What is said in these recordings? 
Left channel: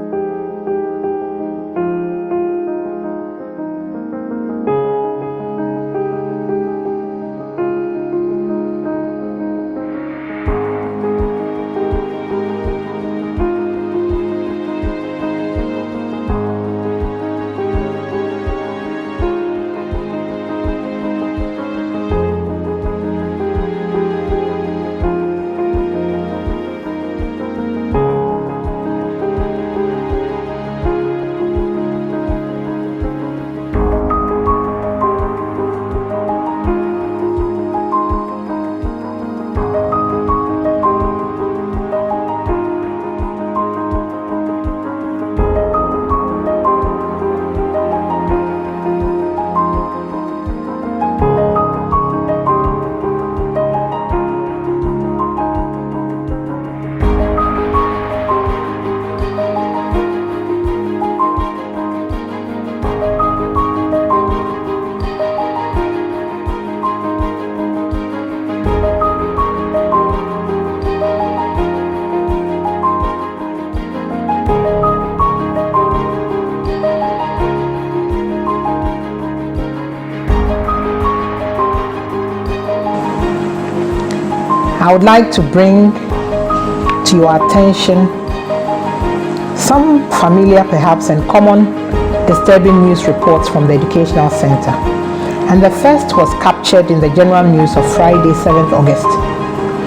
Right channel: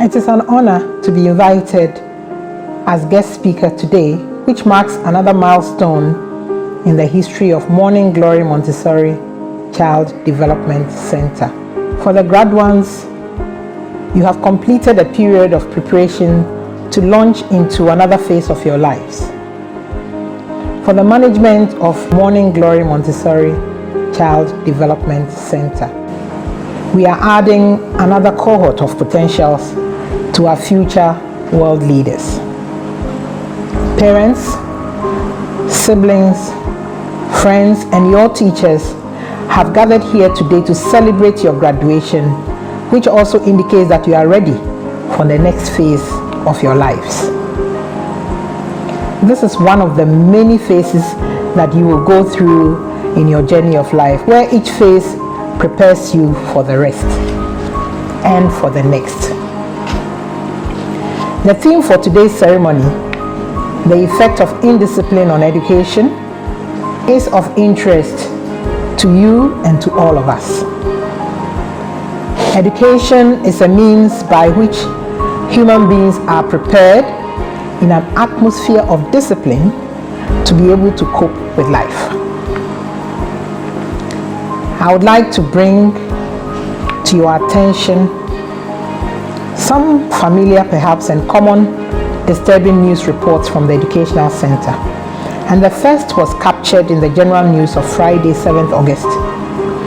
It is an honor to be invited as guest speaker today, which marks another milestone in the history of Morning Glory Montessori Child Development Center. For the grad ones, you have completed a period of preparation to launch into another phase of your lives. For the management of Morning Glory Montessori Child Development Center, we are adding another cohort of potentials to our future world leaders. Parents, siblings, friends, and your teachers have gathered here today to celebrate your graduation, which also indicates that you are ready for the next phase of your lives. This is one of the many phases that you will go through in your journey of life, where each phase prepares you for the rest and for the next. The theme for today's ceremony, the effect of indiscipline on education, is of interest to you and to all of us. Education is a means by which human beings are prepared in an atmosphere of discipline to be able to cope with life. I would like to bring to your attention some familiar, perhaps, and common disturbing news reports from the Educational Center. And the first was captured in the General News of Friday, 7th August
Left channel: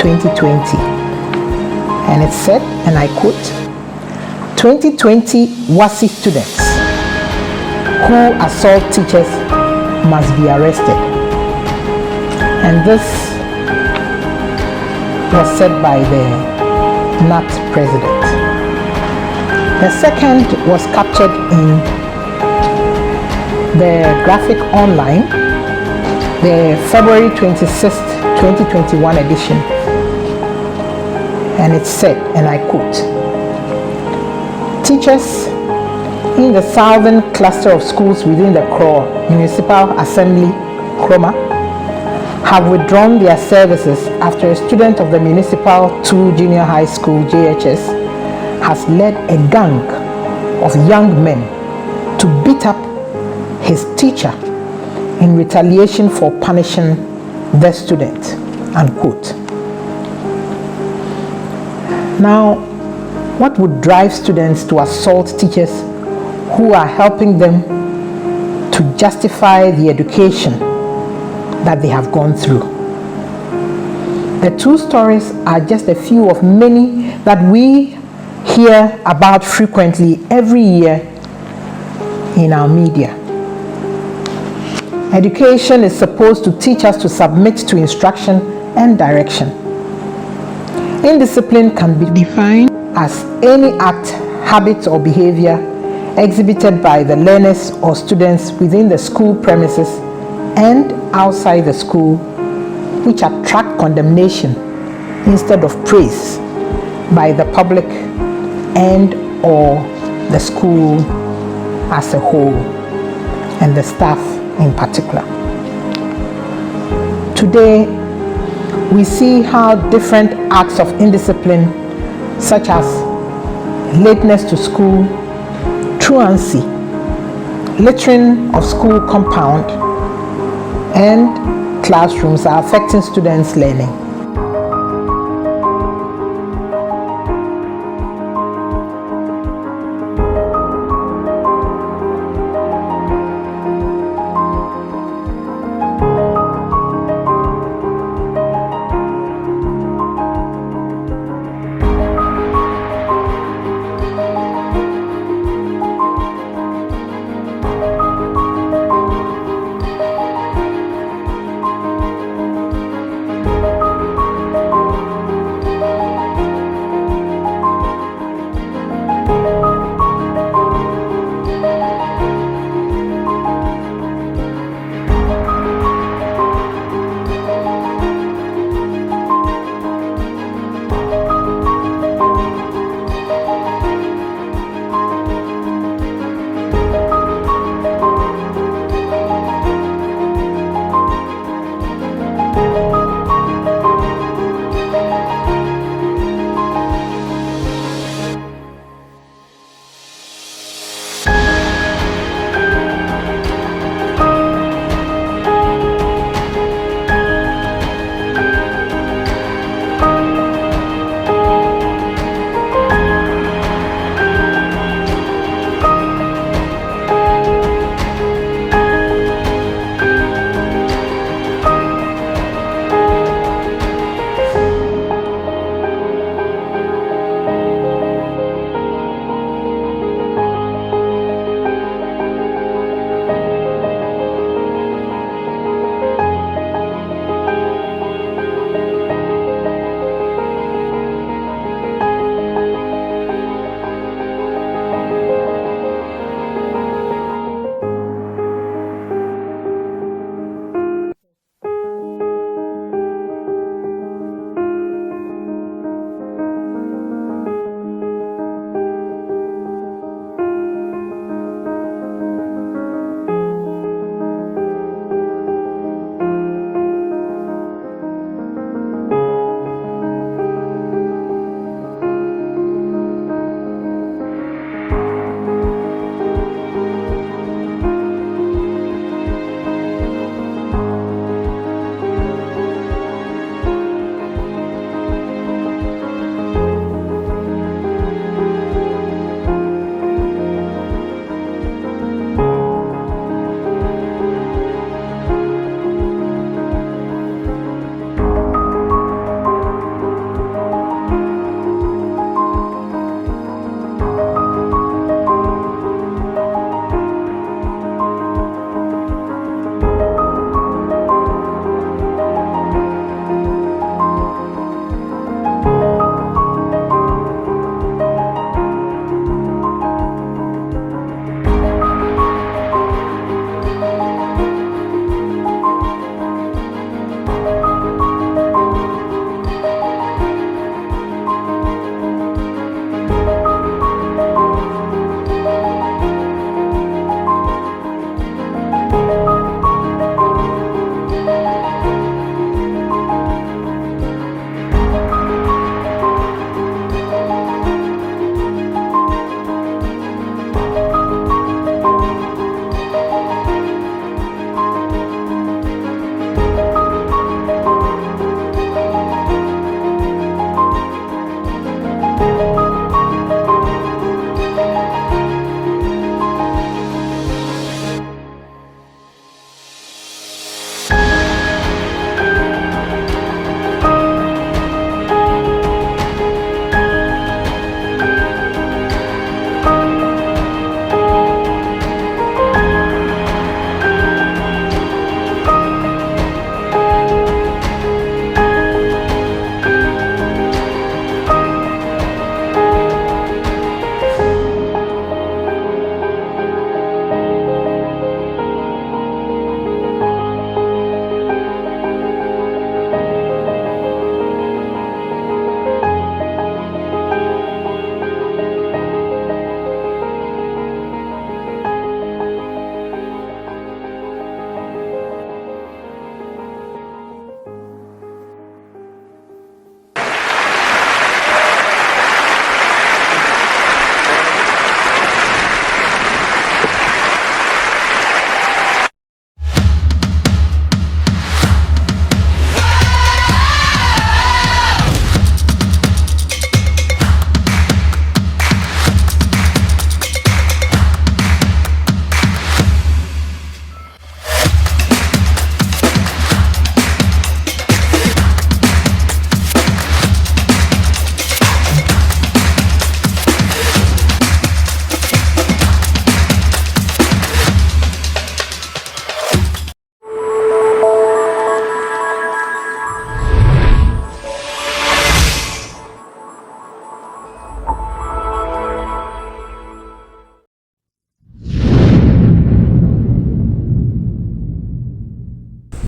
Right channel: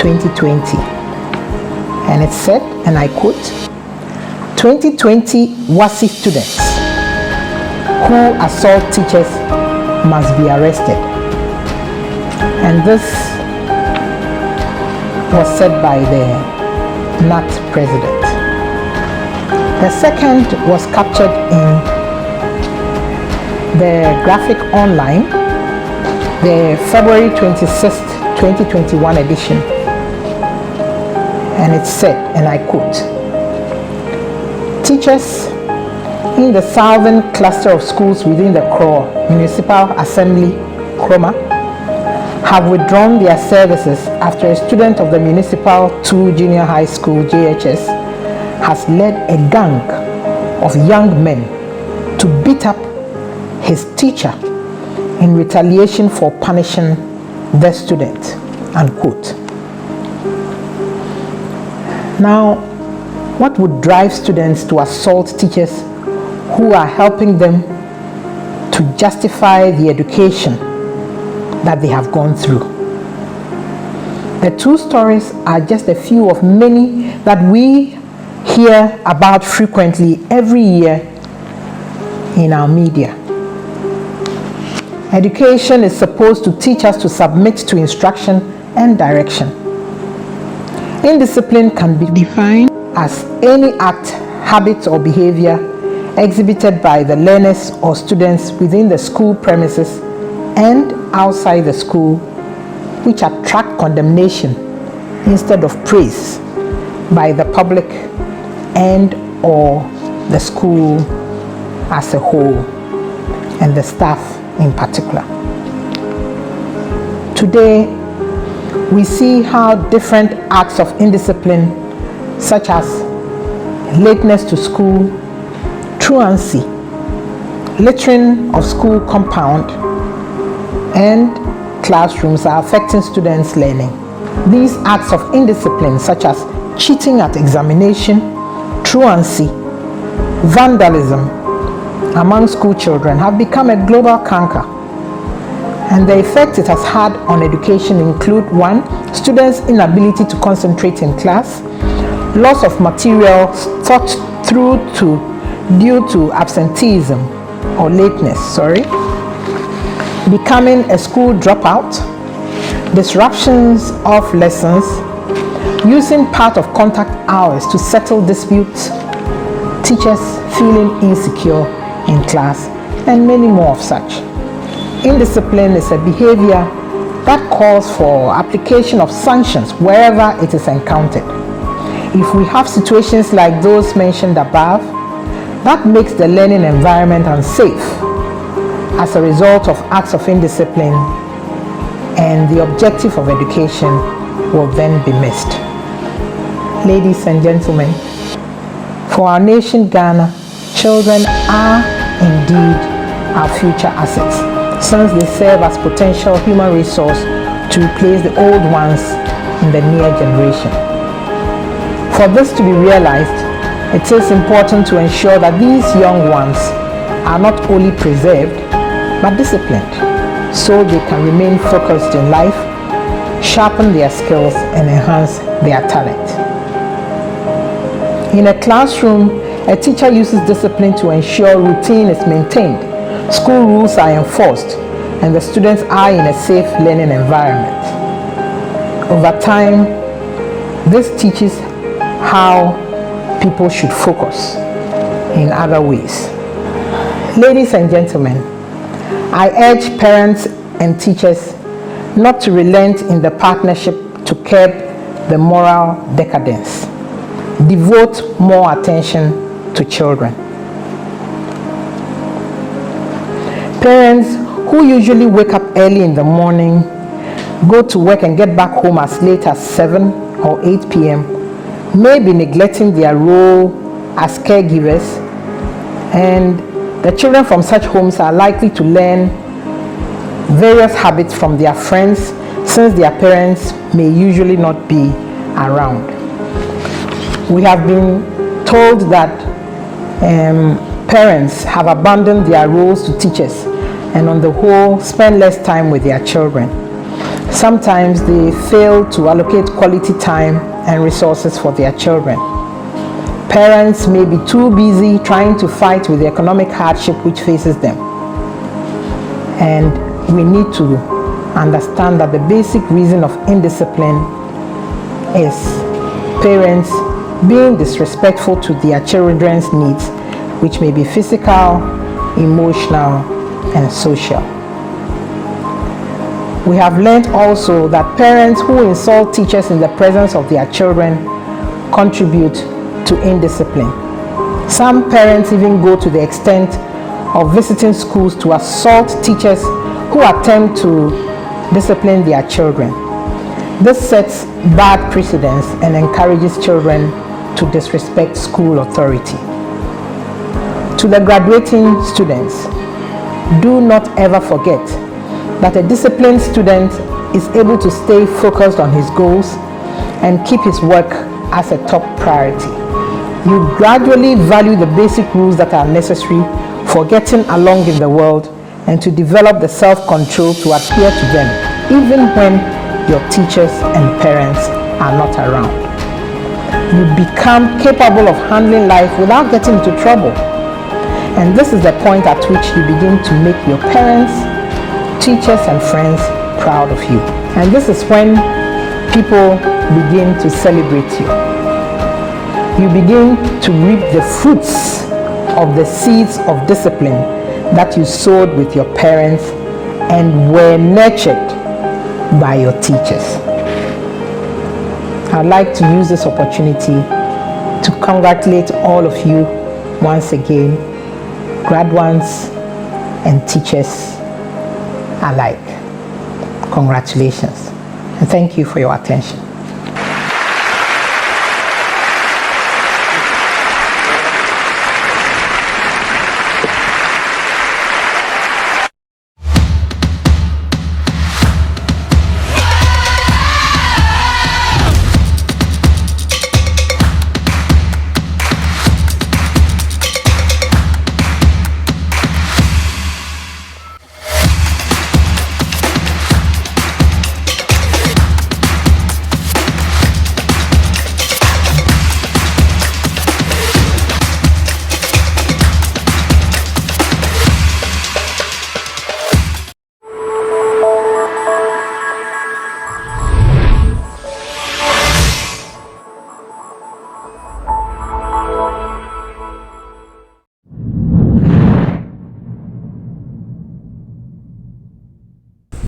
2020. And it said, and I quote, 2020 WASI students who assault teachers must be arrested. And this was said by the NAT president. The second was captured in the Graphic Online, the February 26th, 2021 edition. And it said, and I quote, teachers in the southern cluster of schools within the Kro Municipal Assembly, Kroma, have withdrawn their services after a student of the Municipal 2 Junior High School, JHS, has led a gang of young men to beat up his teacher in retaliation for punishing the student, unquote. Now, what would drive students to assault teachers who are helping them to justify the education that they have gone through? The two stories are just a few of many that we hear about frequently every year in our media. Education is supposed to teach us to submit to instruction and direction. Indiscipline can be defined as any act, habit, or behavior exhibited by the learners or students within the school premises and outside the school, which attract condemnation instead of praise by the public and or the school as a whole, and the staff in particular. Today, we see how different acts of indiscipline, such as lateness to school, truancy, littering of school compound, and classrooms are affecting students' learning. These acts of indiscipline, such as cheating at examination, truancy, vandalism among school children, have become a global canker. And the effects it has had on education include: 1, students' inability to concentrate in class, loss of materials taught due to absenteeism or lateness, becoming a school dropout, disruptions of lessons, using part of contact hours to settle disputes, teachers feeling insecure in class, and many more of such. Indiscipline is a behavior that calls for application of sanctions wherever it is encountered. If we have situations like those mentioned above, that makes the learning environment unsafe as a result of acts of indiscipline, and the objective of education will then be missed. Ladies and gentlemen, for For our nation, Ghana, children are indeed our future assets, since they serve as potential human resource to replace the old ones in the near generation. For this to be realized, it is important to ensure that these young ones are not only preserved, but disciplined, so they can remain focused in life, sharpen their skills, and enhance their talent. In a classroom, a teacher uses discipline to ensure routine is maintained, school rules are enforced, and the students are in a safe learning environment. Over time, this teaches how people should focus in other ways. Ladies and gentlemen, I urge parents and teachers not to relent in the partnership to curb the moral decadence. Devote more attention to children. Parents who usually wake up early in the morning, go to work and get back home as late as 7 or 8 p.m. may be neglecting their role as caregivers, and the children from such homes are likely to learn various habits from their friends, since their parents may usually not be around. We have been told that parents have abandoned their roles to teachers and on the whole spend less time with their children. Sometimes they fail to allocate quality time and resources for their children. Parents may be too busy trying to fight with the economic hardship which faces them. And we need to understand that the basic reason of indiscipline is parents being disrespectful to their children's needs, which may be physical, emotional, and social. We have learned also that parents who insult teachers in the presence of their children contribute to indiscipline. Some parents even go to the extent of visiting schools to assault teachers who attempt to discipline their children. This sets bad precedents and encourages children to disrespect school authority. To the graduating students, do not ever forget that a disciplined student is able to stay focused on his goals and keep his work as a top priority. You gradually value the basic rules that are necessary for getting along in the world and to develop the self-control to adhere to them, even when your teachers and parents are not around. You become capable of handling life without getting into trouble. And this is the point at which you begin to make your parents, teachers, and friends proud of you. And this is when people begin to celebrate you. You begin to reap the fruits of the seeds of discipline that you sowed with your parents and were nurtured by your teachers. I'd like to use this opportunity to congratulate all of you once again, graduates and teachers alike. Congratulations, and thank you for your attention.